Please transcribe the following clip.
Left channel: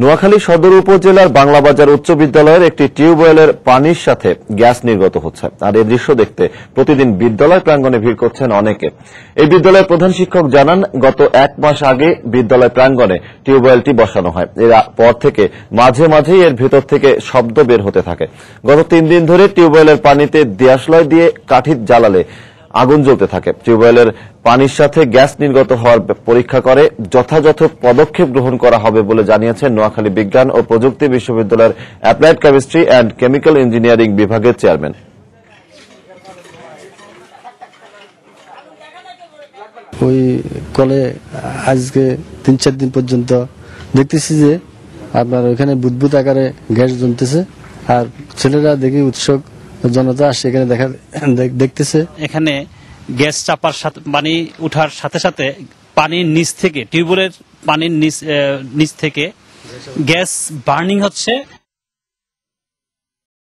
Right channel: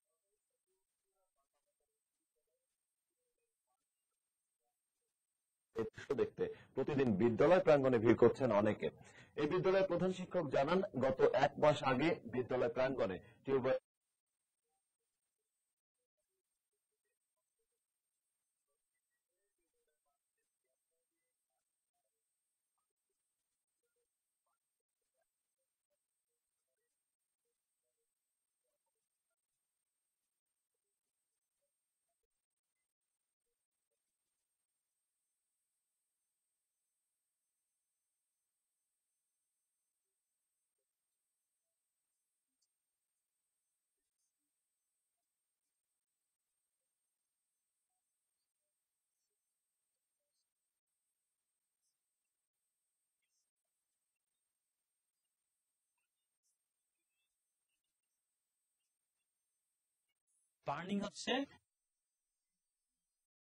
নোয়াখালী সদর উপজেলার বাংলাবাজার উচ্চ বিদ্যালয়ের একটি টিউবওয়েলের পানির সাথে গ্যাস নির্গত হচ্ছে। আর এই দৃশ্য দেখতে প্রতিদিন বিদ্যালয় প্রাঙ্গণে ভিড় করছেন অনেকে। এই বিদ্যালয়ের প্রধান শিক্ষক জানান, গত 1 মাস আগে বিদ্যালয় প্রাঙ্গণে টিউবওয়েলটি বসানো হয়। এরপর থেকে মাঝে মাঝেই এর ভেতর থেকে শব্দ বের হতে থাকে। গত 3 দিন ধরে টিউবওয়েলের পানিতে দিয়াশলাই দিয়ে কাঠি জ্বালালে আগুন জ্বলতে থাকে। টিউবওয়েলের পানির সাথে গ্যাস নির্গত হওয়ার পরীক্ষা করে যথাযথ পদক্ষেপ গ্রহণ করা হবে বলে জানিয়েছেন নোয়াখালী বিজ্ঞান ও প্রযুক্তি বিশ্ববিদ্যালয়ের applied chemistry and chemical engineering বিভাগের চেয়ারম্যান। ওই কলে আজকে 3-4 দিন পর্যন্ত দেখতেছি যে আপনার ওখানে বুদবুদ আকারে গ্যাস জ্বলতেছে, আর ছেলেরা দেখি উৎসুক জনতা আসছে এখানে দেখতেছে। এখানে গ্যাস চাপার সাথে পানি উঠার সাথে সাথে পানির নিচ থেকে টিউবওয়েলের পানির নিচ থেকে গ্যাস বার্নিং হচ্ছে।